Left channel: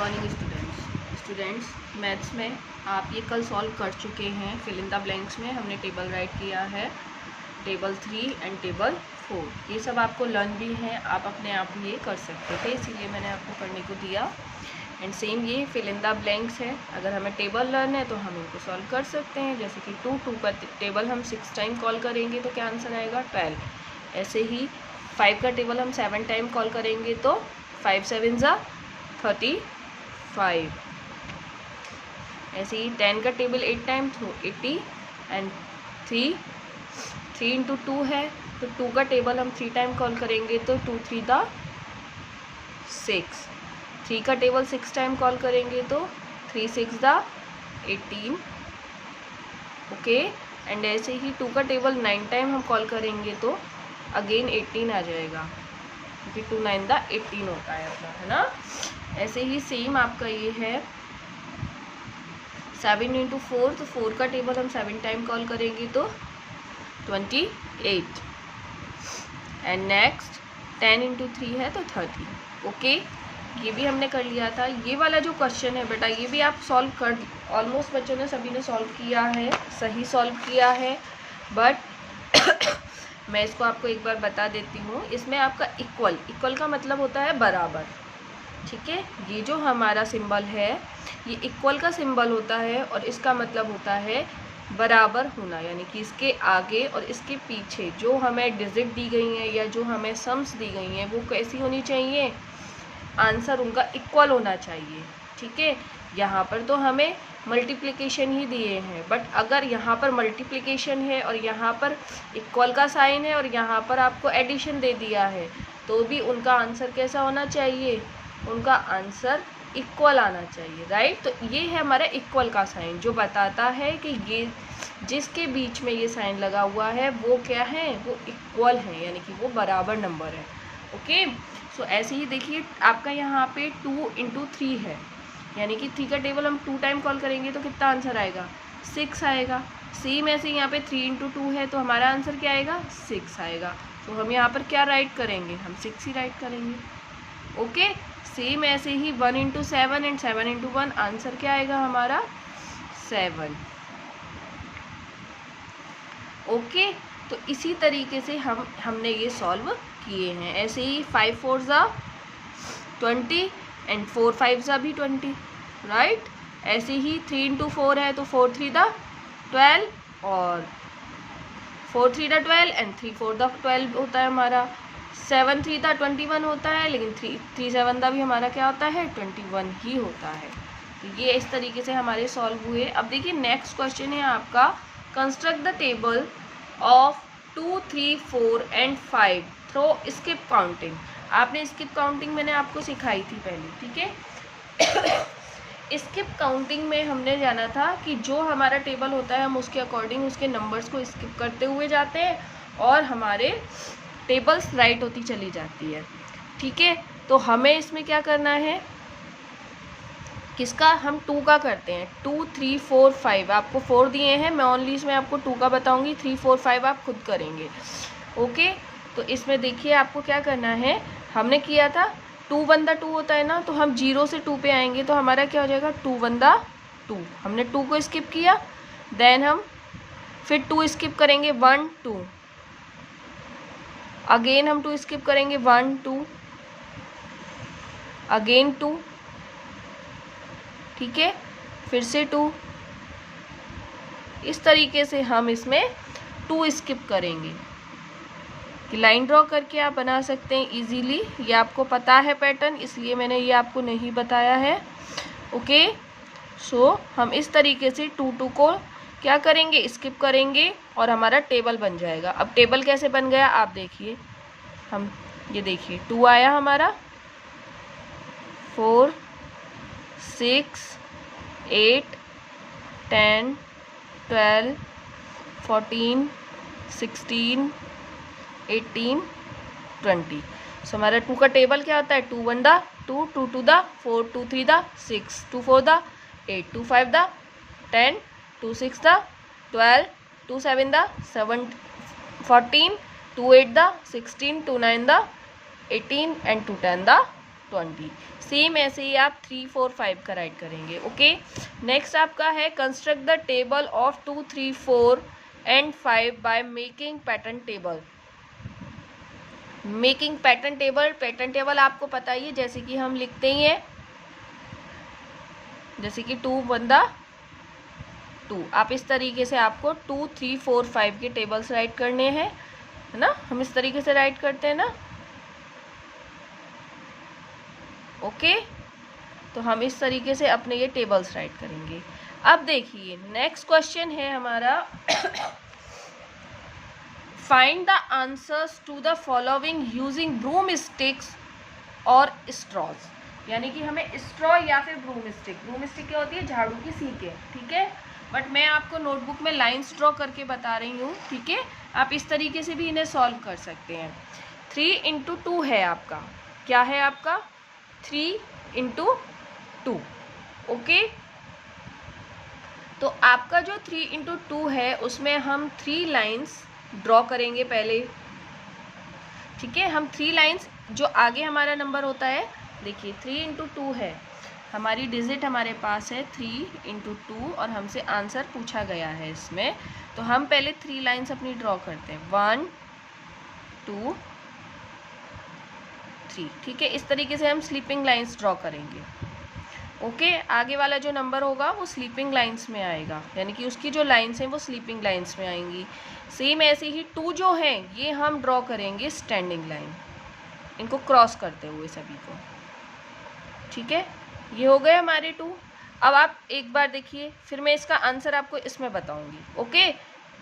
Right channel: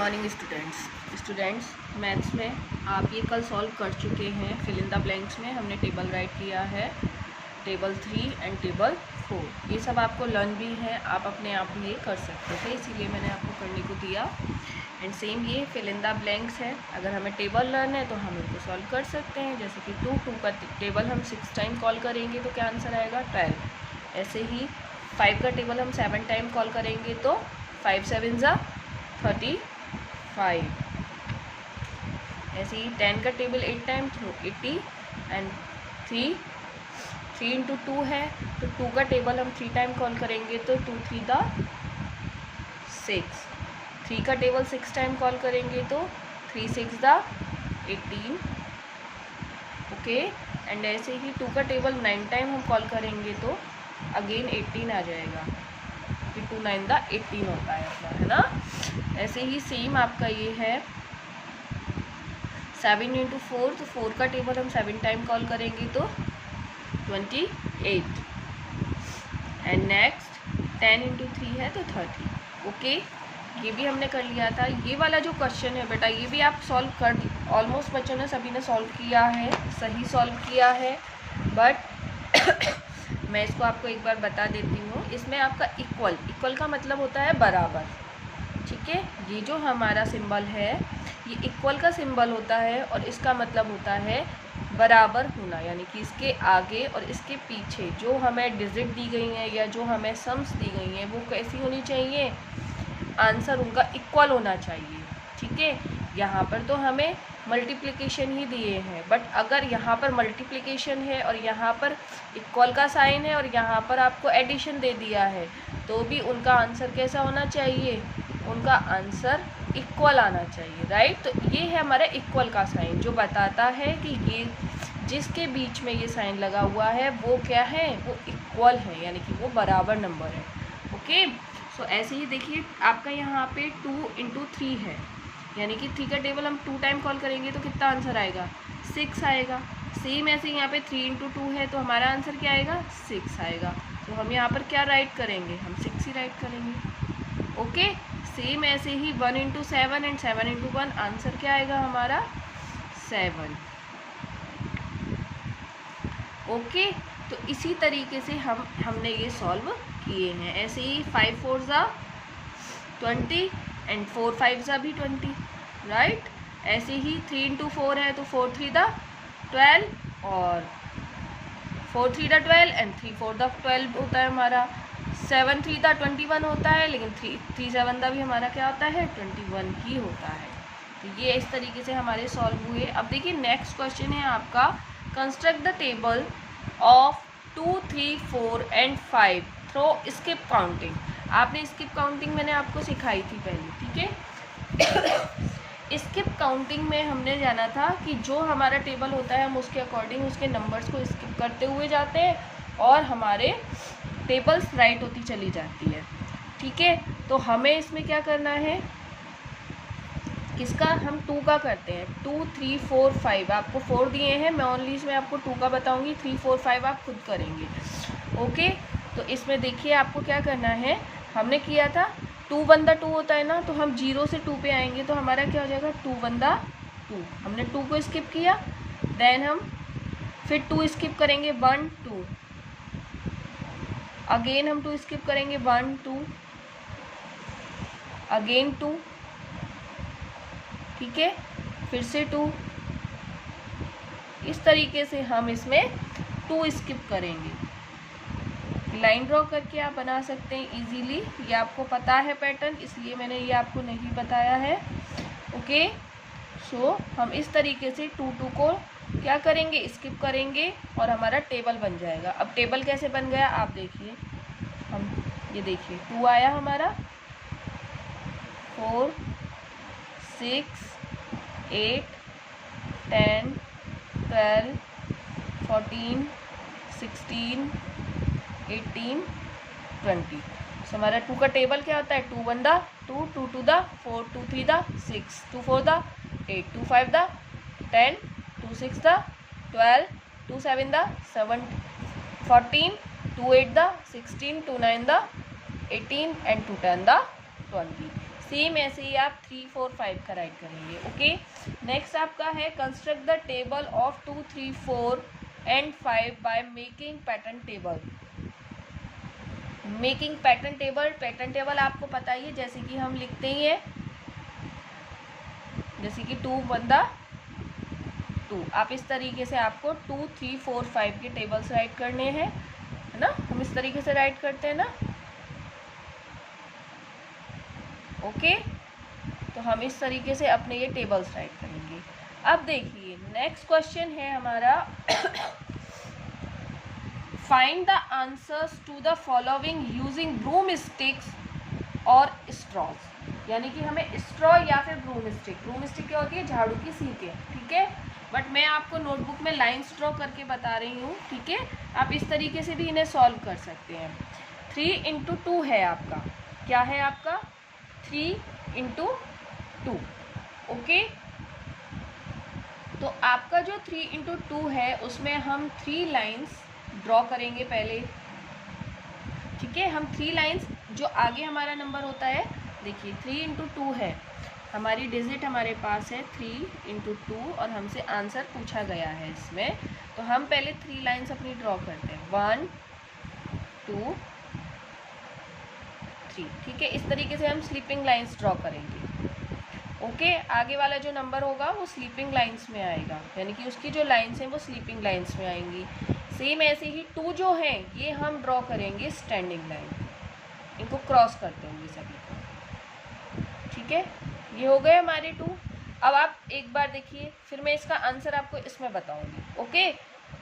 Morning students maths में आप ये कल सॉल्व कर चुके हैं। फिल इन द ब्लैंक्स में हमने टेबल राइट किया है, टेबल 3 एंड टेबल 4। ये सब आपको लर्न भी है, आप अपने आप भी ये कर सकते थे, इसीलिए मैंने आपको करने को दिया। एंड सेम ये फिल इन द ब्लैंक्स है। अगर हमें टेबल लर्न है तो हम इनको सॉल्व कर सकते हैं। जैसे कि 2 का टेबल हम 6 टाइम कॉल करेंगे तो क्या आंसर आएगा 12। ऐसे ही 5 का टेबल हम 7 टाइम कॉल करेंगे तो 5 7 ज़ा 35। ऐसे ही 10 का टेबल 8 टाइम तो 80 एंड 3 इंटू 2 है तो 2 का टेबल हम 3 टाइम कॉल करेंगे तो 2 3 दा 6। 3 का टेबल 6 टाइम कॉल करेंगे तो 3 6 दा 18। ओके। एंड ऐसे ही 2 का टेबल 9 टाइम हम कॉल करेंगे तो अगेन 18 आ जाएगा, क्योंकि 2 9 दा 18 होता है अपना, है ना। ऐसे ही सेम आपका ये है 7 इंटू 4, तो 4 का टेबल हम 7 टाइम कॉल करेंगे तो 28। एंड नेक्स्ट 10 इंटू 3 है तो 30। ओके, ये भी हमने कर लिया था। ये वाला जो क्वेश्चन है बेटा, ये भी आप सॉल्व कर ऑलमोस्ट बच्चों ने सभी ने सॉल्व किया है, सही सॉल्व किया है। बट मैं इसको आपको एक बार बता देती हूँ। इसमें आपका इक्वल का मतलब होता है बराबर, ठीक है। ये जो हमारा सिंबल है ये इक्वल का सिंबल होता है और इसका मतलब होता है बराबर होना, यानी कि इसके आगे और इसके पीछे जो हमें डिजिट दी गई हैं या जो हमें सम्स दी गई हैं वो कैसी होनी चाहिए, आंसर उनका इक्वल होना चाहिए, ठीक है। यहाँ पर तो हमें मल्टीप्लिकेशन ही दिए हैं, बट अगर यहाँ पर मल्टीप्लिकेशन है और यहाँ पर इक्वल का साइन है और यहाँ पर आपको एडिशन दे दिया है, तो भी उनका आंसर कैसा होना चाहिए, उनका आंसर इक्वल आना चाहिए, राइट। तो ये है हमारा इक्वल का साइन, जो बताता है कि ये जिसके बीच में ये साइन लगा हुआ है वो क्या है, वो इक्वल है, यानी कि वो बराबर नंबर है। ओके। सो ऐसे ही देखिए आपका यहाँ पे 2 इंटू 3 है, यानी कि 3 का टेबल हम 2 टाइम कॉल करेंगे तो कितना आंसर आएगा 6 आएगा। सेम ऐसे यहाँ पे 3 इंटू 2 है तो हमारा आंसर क्या आएगा 6 आएगा। तो हम यहाँ पर क्या राइट करेंगे, हम 6 ही राइट करेंगे। ओके। सेम ऐसे ही 1 इंटू 7 एंड 7 इंटू 1, आंसर क्या आएगा हमारा 7। ओके। तो इसी तरीके से हमने ये सॉल्व किए हैं। ऐसे ही 5 4 ज़ा 20 एंड 4 5 ज़ा भी 20, राइट। ऐसे ही 3 इंटू 4 है तो 4 3 दा 12 और 4 3 दा 12 एंड 3 4 दा 12 होता है हमारा। 7 3 दा 21 होता है, लेकिन 3 7 दा भी हमारा क्या होता है 21 ही होता है। तो ये इस तरीके से हमारे सॉल्व हुए। अब देखिए नेक्स्ट क्वेश्चन है आपका, construct the table of 2 3 4 and 5 through skip counting. आपने स्किप काउंटिंग मैंने आपको सिखाई थी पहले, ठीक है। स्किप काउंटिंग में हमने जाना था कि जो हमारा टेबल होता है हम उसके अकॉर्डिंग उसके नंबर्स को स्किप करते हुए जाते हैं और हमारे टेबल्स राइट होती चली जाती है, ठीक है। तो हमें इसमें क्या करना है, किसका, हम 2 का करते हैं। 2 3 4 5 आपको 4 दिए हैं, मैं ओनली इसमें आपको 2 का बताऊंगी, 3 4 5 आप खुद करेंगे। ओके। तो इसमें देखिए आपको क्या करना है, हमने किया था 2 1 दा 2 होता है ना, तो हम 0 से 2 पे आएंगे तो हमारा क्या हो जाएगा 2 1 दा 2। हमने 2 को स्किप किया, देन हम फिर 2 स्किप करेंगे 1 2, अगेन हम 2 स्किप करेंगे 1 2, अगेन 2, ठीक है, फिर से 2। इस तरीके से हम इसमें 2 स्किप करेंगे। लाइन ड्रॉ करके आप बना सकते हैं इजीली, ये आपको पता है पैटर्न, इसलिए मैंने ये आपको नहीं बताया है। ओके। सो हम इस तरीके से 2 2 को क्या करेंगे, स्किप करेंगे और हमारा टेबल बन जाएगा। अब टेबल कैसे बन गया आप देखिए, हम ये देखिए 2 आया हमारा, 4 6 8 10 12 14 16 18 20। सो हमारा 2 का टेबल क्या होता है, 2 1 दा 2 2 2 दा 4 2 3 दा 6 2 4 दा 8 2 5 दा 10 2 6 दा 12 2 7 दा 7 14 2 8 दा 16 2 9 दा 18 एंड 2 10 दा 20। सेम ऐसे ही आप 3, 4, 5 का राइट करेंगे। ओके, नेक्स्ट आपका है construct the table of 2, 3, 4 and 5 by making pattern table. Making pattern table, pattern table आपको पता ही है, जैसे कि हम लिखते ही हैं, जैसे कि 2 बंदा 2, आप इस तरीके से आपको 2, 3, 4, 5 के टेबल्स राइट करने हैं, है ना। हम इस तरीके से राइट करते हैं ना। ओके, तो हम इस तरीके से अपने ये टेबल्स राइट करेंगे। अब देखिए नेक्स्ट क्वेश्चन है हमारा find the answers to the following using broom sticks और स्ट्रॉज। यानी कि हमें स्ट्रॉ या फिर ब्रूम स्टिक क्या होती है, झाड़ू की सीकें, ठीक है। बट मैं आपको नोटबुक में लाइन्स ड्रॉ करके बता रही हूँ, ठीक है। आप इस तरीके से भी इन्हें सॉल्व कर सकते हैं। 3 × 2 है आपका, क्या है आपका 3 × 2। ओके, तो आपका जो 3 × 2 है उसमें हम 3 लाइन्स ड्रॉ करेंगे पहले, ठीक है। हम 3 लाइन्स, जो आगे हमारा नंबर होता है, देखिए 3 × 2 है, हमारी डिजिट हमारे पास है 3 × 2 और हमसे आंसर पूछा गया है इसमें। तो हम पहले 3 लाइन्स अपनी ड्रॉ करते हैं, 1, 2, 3, ठीक है। इस तरीके से हम स्लीपिंग लाइन्स ड्रॉ करेंगे। ओके, आगे वाला जो नंबर होगा वो स्लीपिंग लाइन्स में आएगा, यानी कि उसकी जो लाइन्स हैं वो स्लीपिंग लाइन्स में आएंगी। सेम ऐसे ही 2 जो है ये हम ड्रॉ करेंगे स्टैंडिंग लाइन, इनको क्रॉस करते हुए सभी को, ठीक है। ये हो गए हमारे 2। अब आप एक बार देखिए, फिर मैं इसका आंसर आपको इसमें बताऊंगी। ओके,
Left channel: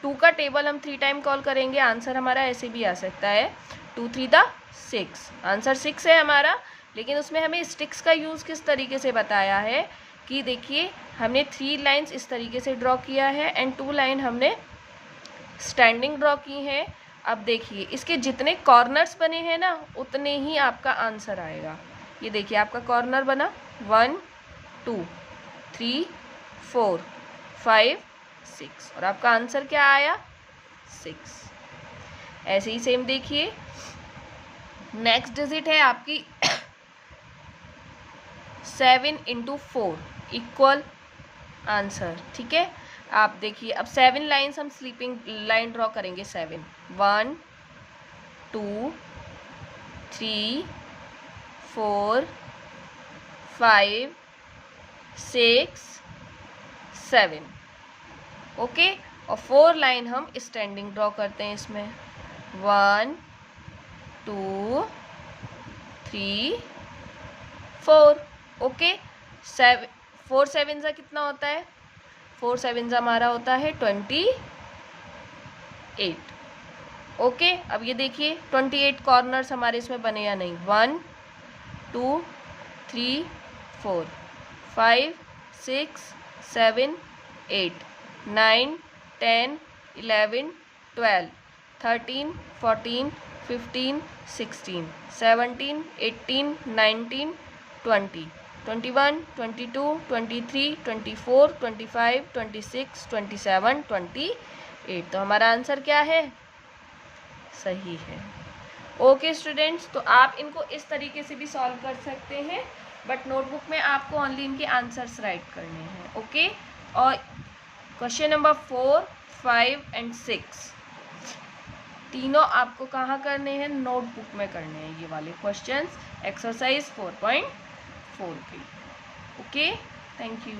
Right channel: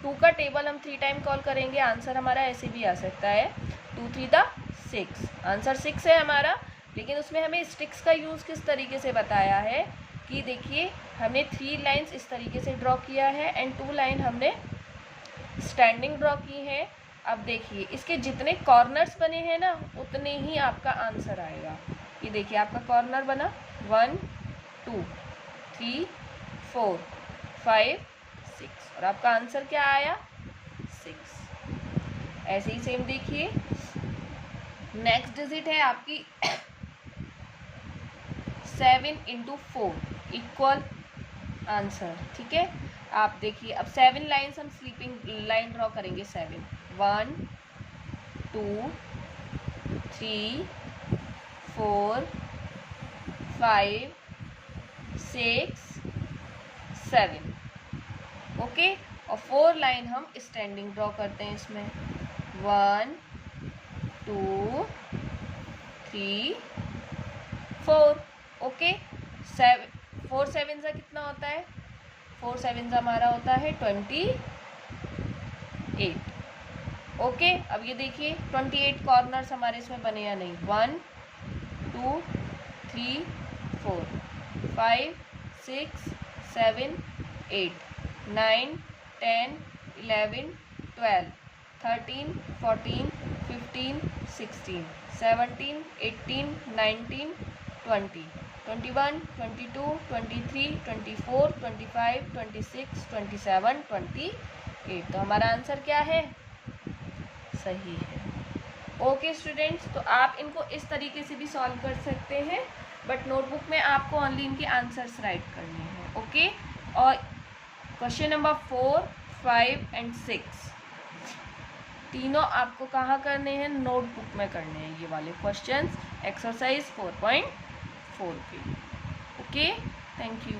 2 का टेबल हम 3 टाइम कॉल करेंगे, आंसर हमारा ऐसे भी आ सकता है 2, 3 दा 6, आंसर 6 है हमारा। लेकिन उसमें हमें स्टिक्स का यूज़ किस तरीके से बताया है कि देखिए हमने 3 लाइन्स इस तरीके से ड्रॉ किया है एंड 2 लाइन हमने स्टैंडिंग ड्रॉ की है। अब देखिए इसके जितने कॉर्नर्स बने हैं ना उतने ही आपका आंसर आएगा। ये देखिए आपका कॉर्नर बना 1, 2, 3, 4, 5, 6 और आपका आंसर क्या आया 6। ऐसे ही सेम देखिए नेक्स्ट डिजिट है आपकी 7 × 4 इक्वल आंसर, ठीक है। आप देखिए अब 7 लाइन्स हम स्लीपिंग लाइन ड्रॉ करेंगे, 7, 1, 2, 3, 4, 5, 6, 7। ओके, और 4 लाइन हम स्टैंडिंग ड्रॉ करते हैं इसमें, 1, 2, 3, 4। ओके, 4 7 सा कितना होता है, 4 7 हमारा होता है 28। ओके, अब ये देखिए 28 कॉर्नर्स हमारे इसमें बने या नहीं, 1, 2, 3, 4, 5, 6, 7, 8, 9, 10, 11, 12, 13, 14, 15, 16, 17, 18, 19, 20, 21, 22, 23, 24, 25, 26, 27, 28। तो हमारा आंसर क्या है, सही है। ओके स्टूडेंट्स, तो आप इनको इस तरीके से भी सॉल्व कर सकते हैं, बट नोटबुक में आपको ओनली इनके आंसर्स राइट करने हैं। ओके, और क्वेश्चन नंबर 4, 5 एंड 6 तीनों आपको कहाँ करने हैं, नोटबुक में करने हैं ये वाले क्वेश्चंस, एक्सरसाइज 4.4 पे। Okay, thank you.